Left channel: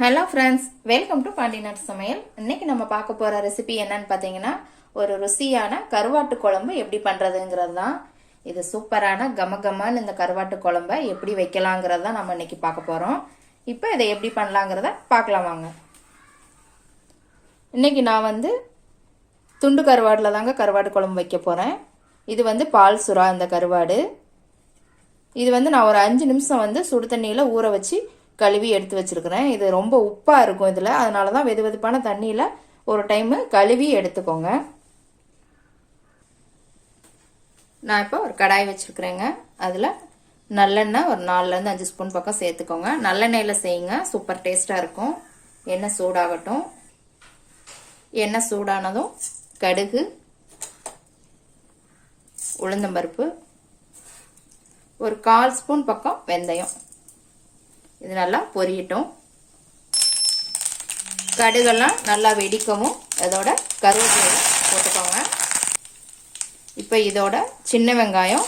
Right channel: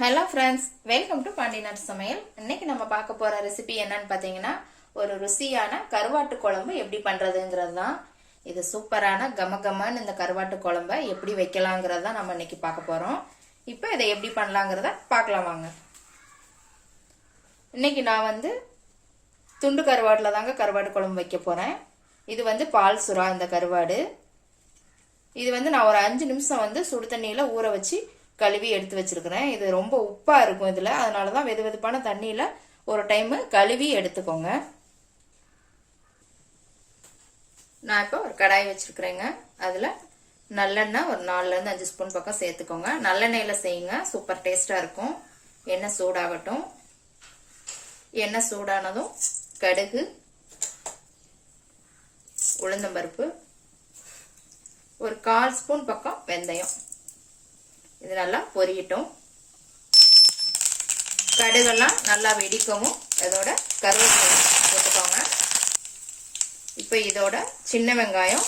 Hello friends, welcome to பாண்டிநாட்டு சமையல். இன்னைக்கு நம்ம பார்க்க போற ரெசிபி என்னன்னு பார்த்தீங்கன்னா, ஒரு ருசியான கருவாட்டு குழம்பு எப்படி பண்றதுங்கிறது தான். இது சூப்பரான கமகமன்னு இந்த கருவாட்டு குழம்பை எப்படி வைக்கலாங்கிறது தான் நம்ம இன்னைக்கு பார்க்க போறோம். இப்போ இதை எப்படி பண்ணலாங்கிறத பார்க்கலாம் வாங்க. இன்னைக்கு நான் துண்டு கருவாடுல தாங்க கருவாட்டு குழம்பு வைக்க போறேன். இது பால் சுறா இந்த கருவாடு. இது நான் ஒரு 5 நிமிஷம் சுடு தண்ணியில ஊற வச்சு கழுவி எடுத்து வச்சிருக்கிறேன். இது ரொம்ப உப்பா இருக்கும் இதுல, அதனாலதான் வெது வெதுப்பான தண்ணியில ஒரு டைம் கழுவி எடுத்துக்கோங்க. நான் இப்போ ஒரு கடாய் வச்சிருக்கிறேங்க. அதுல நல்லெண்ணெய் ஒரு 4ல இருந்து 5 ஸ்பூன் பக்கம் சேர்த்துக்கோங்க. நல்லெண்ணெயில செய்யுங்க, சூப்பர் டேஸ்டா இருக்கும். எண்ணெய் சூடாகட்டும். எண்ணெய் சூடானதும் கடுகு, உளுந்தம்பருப்பு, ஒரு 1/4 ஸ்பூன் பக்கம் வெந்தயம், இது நல்லா பொரியட்டும். கடுகெல்லாம் நல்லா வெடிக்கவும் இதோட கருவேப்பிலை போட்டுக்கோங்க. இப்போ இதோட சின்ன வெங்காயம்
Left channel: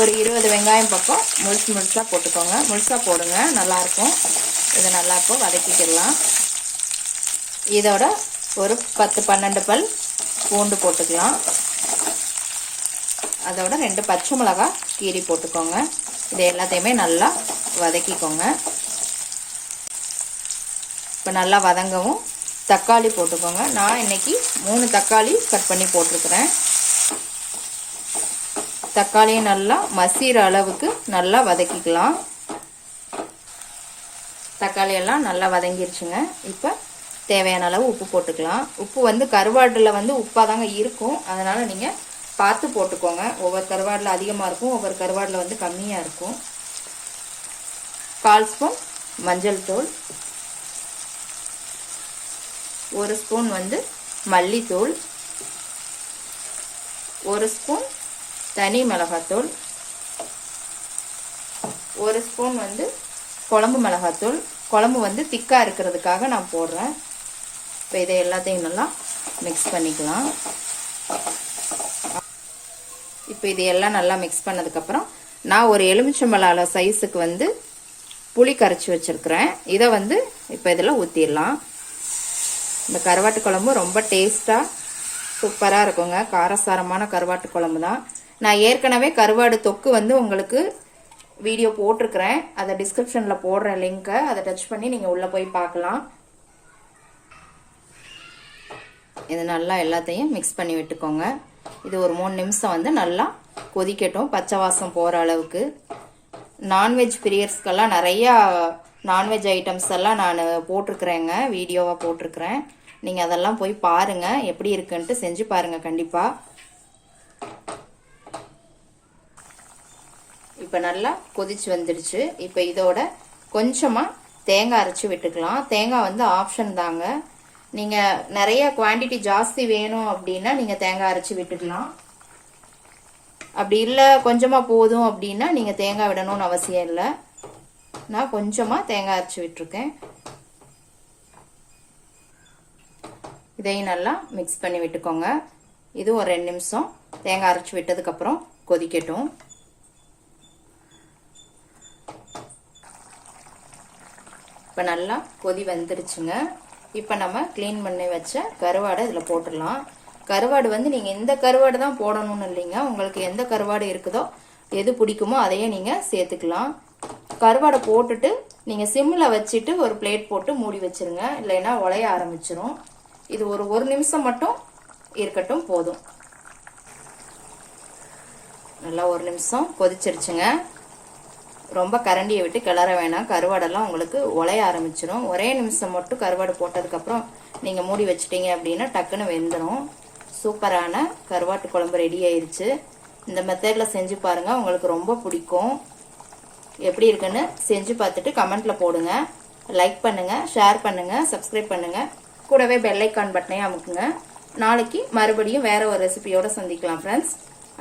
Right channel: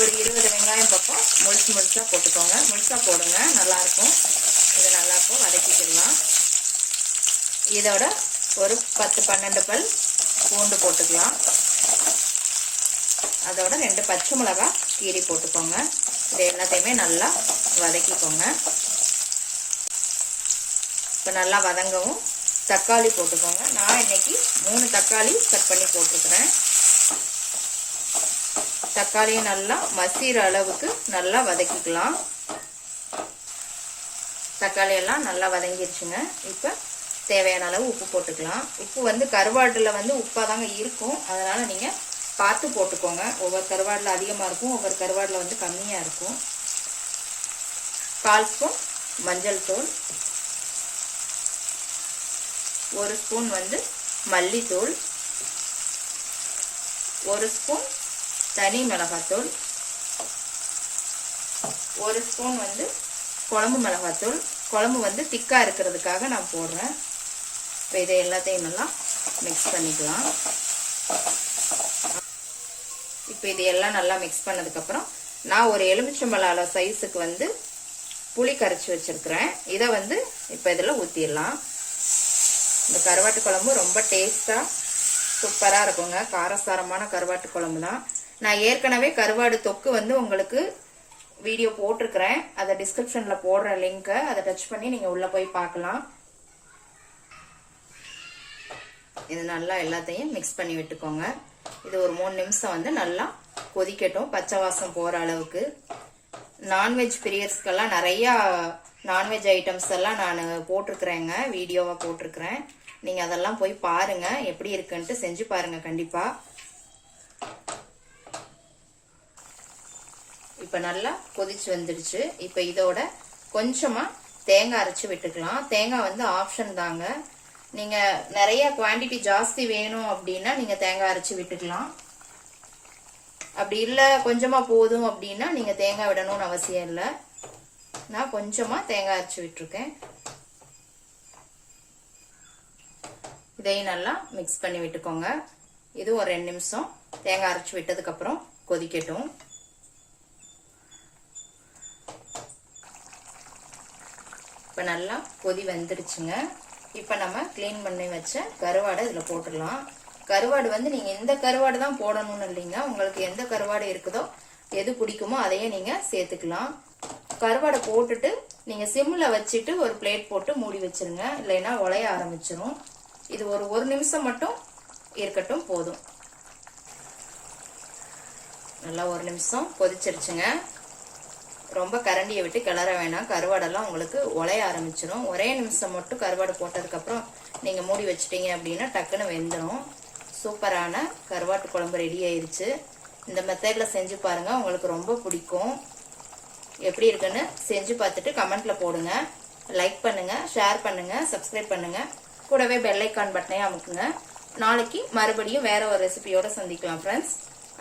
ஒரு 20 வெங்காயம் பக்கம் முழுசா போட்டுக்கோங்க. முழுசா போடுங்க, நல்லா இருக்கும். இதை நல்லா இப்போ வதக்கிக்கலாம். இதோட ஒரு 10-12 பல் பூண்டு போட்டுக்கலாம். அதோட 2 பச்சை மிளகாய் கீரி போட்டுக்கோங்க. இது எல்லாத்தையுமே நல்லா வதக்கிக்கோங்க. இப்போ நல்லா வதங்கவும் தக்காளி போட்டுக்கோங்க. நான் இன்னைக்கு 3 தக்காளி கட் பண்ணி போட்டிருக்கிறேன். தக்காளியை நல்லா மசிற அளவுக்கு நல்லா வதக்கிக்கலாம். தக்காளி எல்லாம் நல்லா வதங்கிருச்சுங்க. இப்போ தேவையான அளவு உப்பு போட்டுக்கலாம். உப்பு கருவாடுல உப்பா தாங்க இருக்கும், அதனால நீங்க பார்த்து போட்டுக்கோங்க. ஒவ்வொரு கருவாடுல அதிகமா இருக்கும், ஒவ்வொரு கருவாடுல கம்மியா இருக்கும். 1/4 ஸ்பூன் மஞ்சள் தூள், 1 ஸ்பூன் மல்லித்தூள், 1 ஸ்பூன் தனி மிளகாத்தூள், 1 ஸ்பூன் குழம்பு மிளகாத்தூள். குழம்பு திக்கா இருக்கிறதுக்காக நான் போடுறேன். இப்போ இதை எல்லாத்தையும் நல்லா மிக்ஸ் பண்ணிக்கலாம். இப்போ இது எல்லாம் நல்லா மிக்ஸ் பண்ணதுக்கப்புறம் நான் ஒரு எலுமிச்சம்பழ சைஸுக்கு புளி கரைச்சி வச்சிருக்கிறேன். இதை இப்போ இதில் ஊற்றிடலாம். இந்த கருவாட்டு குழம்பு ரொம்ப டேஸ்டா சூப்பரா இருக்குங்க. காரசாரமான கருவாட்டு குழம்பு தான். நான் ஏற்கனவே கருவாடு தொக்கு உங்களுக்கு வீடியோ போட்டிருக்கிறேன். அதை டிஸ்கிரிப்ஷன்ல போடுற லிங்கை அதை டச் பண்ணி நீங்க உள்ள போய் பார்க்கலாம். இது நல்லா எல்லாத்தையும் மிக்ஸ் பண்ணி விட்டுக்கோங்க. இது ஒரு 3 நிமிஷம் நல்லா கொதிக்கட்டும், பச்சை வாசம் போற அளவுக்கு. நான்வெஜ் பிரியர்ஸ்க்கெல்லாம் நிறைய நான்வெஜ் ஐட்டம்ஸ் எல்லாம் நான் போட்டிருக்கிறேங்க, வீடியோவா போட்டிருக்கிறேன். நீங்க அதெல்லாம் போய் பாருங்க, எப்படி இருக்குன்ட்டு செஞ்சு பாருங்க கண்டிப்பா. இப்ப நல்லா கொதிச்சு வந்துடுச்சு. இப்ப இதோட கொஞ்சமா தேங்காய் அரைச்சு விட்டுக்கலாம். தேங்காய் ஆப்ஷன் தாங்க. நீங்க நிறைய குவாண்டிட்டி ஜாஸ்தி வேணும் அப்படின்னா நீங்க தேங்காய் அரைச்சு விட்டுக்கலாம். அப்படி இல்லை கொஞ்சமா போதும் அப்படின்னா நீங்க தேங்காய் விடணும்னு அவசியம் இல்லை. நான் கொஞ்சமா தேங்காய் அரைச்சு விட்டுருக்கேன். இதையும் நல்லா மிக்ஸ் பண்ணி விட்டுக்கோங்க. இது ஒரு 2 நிமிஷம் தேங்காய் அரைச்சு விட்டதுக்கு அப்புறம் கொதிக்கட்டும். இப்ப நல்லா கொதி வந்துருச்சுங்க. இப்ப நம்ம கிளீன் பண்ணி வச்ச கருவாடை இதுல போட்டுடலாம். கருவாடு நீங்க இந்த கருவாடு தான் போடணும்னு இல்லைங்க, உங்களுக்கு எந்த கருவாடு இருக்குதோ எது பிடிக்குமோ அதையே நீங்க சேர்த்துக்கலாம். கருவாடை போட்டுட்டு நீங்க சிம்ல வச்சுட்டு ஒரு பிளேட் போட்டு மூடி வச்சிருங்க, இல்லைன்னா உலைய ஆரம்பிச்சிரும். இது ஒரு 1 நிமிஷம் மட்டும் இருக்கட்டும், போதும். நல்லா 1 நிமிஷம் கொதிச்சிருச்சுங்க. ரொம்ப கரண்டியை விட்டு கிளற வேணாம், கருவாடெல்லாம் உங்களுக்கு உலைய ஆரம்பிச்சிடும். ஒரே நிமிஷம் மட்டும் கருவாடு போட்டதுக்கு அப்புறம் நீங்க மூடி வச்சிட்டீங்க அப்படின்னா டக்குன்னு வெந்துடும். சூப்பரான கருவாட்டு குழம்பு ரெடி ஆயிருச்சு. இந்த மெத்தட்ல செஞ்சு பாருங்க, உங்களுக்கு ரொம்ப பிடிக்கும். எப்படி இருக்குன்னு செஞ்சு பார்த்துட்டு கமெண்ட்ல போடுங்க. லைக் பண்ணுங்க, ஷேர் பண்ணுங்க, சப்ஸ்கிரைப் பண்ணுங்க. கூடவே பெல் ஐக்கான் பட்டனையும் அமுக்குங்க. நாளைக்கு மறுபடியும் வேற ஒரு ரெசிபியோட சந்திக்கலாம் ஃப்ரெண்ட்ஸ்.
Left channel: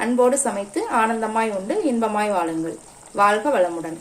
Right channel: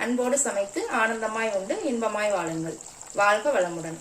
அன்போடு சமைத்து ஆனந்தமாய் உண்டு இன்பமாய் வாழுங்கள். வாழ்க வளமுடன்.